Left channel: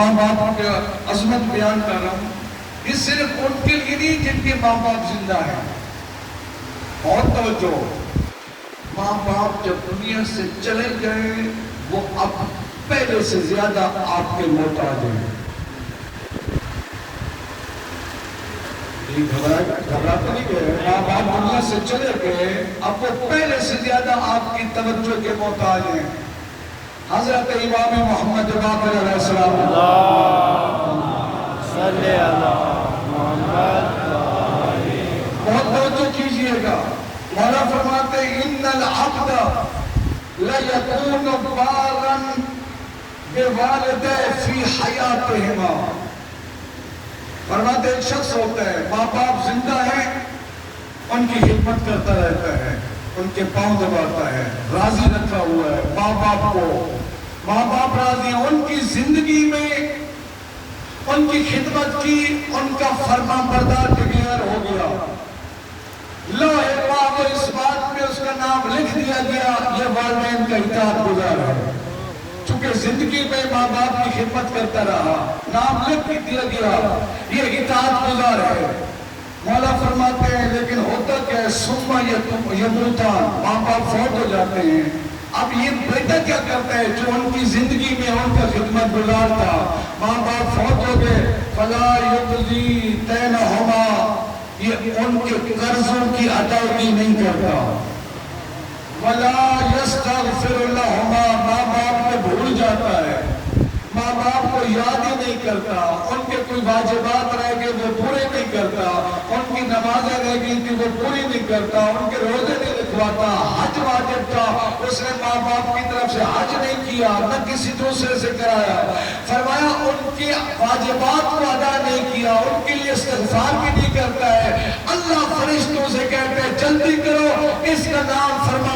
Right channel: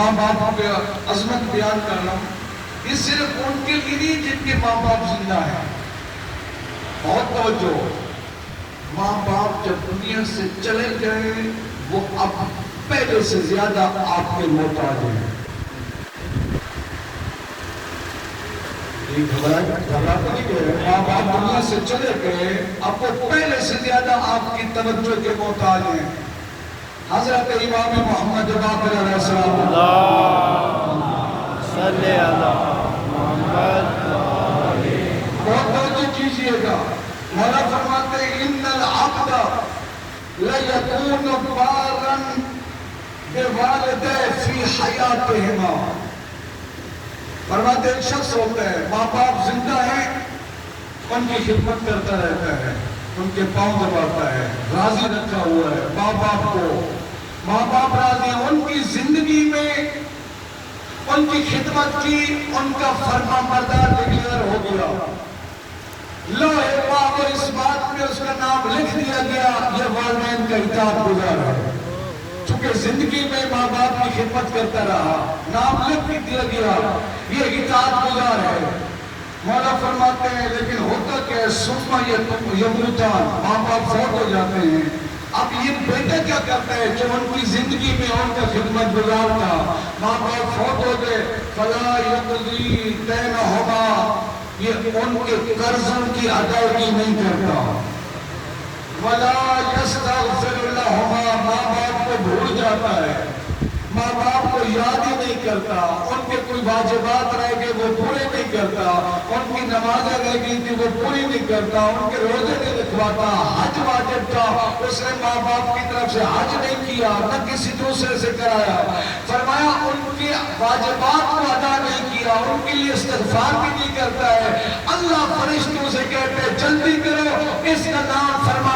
ماں باپ کی عظمت بیان کر رہا ہوں، یہ صرف ان کے لیے نہیں جن کے ماں باپ زندہ ہیں. بہت توجہ، ماں باپ جب دنیا سے چلے گئے وہ اب پہلے سے زیادہ آپ کے محتاج ہیں. ماں باپ دنیا سے چلے گئے اب وہ پہلے سے زیادہ آپ کی توجہ کے محتاج ہیں. حضرت امام محمد باقر علیہ السلام صلی اللہ محمد بہت توجہ کیجئے گا. مولا فرماتے ہیں ان العبد لیکون بارا بوالدہ فی حیاتہما. فرماتے ایک شخص ہوتا ہے، ماں باپ زندہ ہیں، ان کی خدمت کرتا رہتا ہے، ان کے پاؤں دباتا ہے، راضی رکھا ہوا ہے ماں باپ کو. ماں باپ راضی ہیں، ان کی زندگی میں ان کی خدمت کی، ان کا فرما بردار ڈکلیئر ہو گیا. لوح پاک اور اس بات میں اس کا نام لکھ دیا گیا یہ والدین کا اطاعت گزار ہے. چونکہ زندگی میں ماں باپ کی خدمت کرتا رہا، نام لکھ دیا گیا یہ اطاعت گزار ہے. مولا فرماتے ہیں لیکن ہوتا کیا ہے، ثم یموتان، ماں باپ فوت ہو جاتے ہیں. اب یہ بیٹا کیا کرتا ہے جو ان کی زندگی میں ان کا خدمت گزار تھا، ماں باپ فوت ہو گئے. فلا یقضی دینہما، یہ ان کے قرضوں کی ادائیگی نہیں کرتا. ولا یستغفر لہما، ماں باپ کو بھول جاتا ہے، ماں باپ کو یاد ہی نہیں کرتا. ان کے کوئی واجبات رہ گئے وہ پورے نہیں کرتا، ان کی نمازیں رہ گئی کہ وہ پوری نہیں کرتا، ان کے روزے نہیں رکھواتا. حج واجب تھا، اس نے ماں باپ کی طرف سے حج نہیں کیا، نہ کسی دوسرے سے کرایا. فرمایا ان کے واجبات کو ادا نہیں کیا، ان کے لیے استغفار بھی نہیں کرتا ہے. اللہ فرشتوں سے کہتے ہیں جلدی کرو، اس کا نام فرما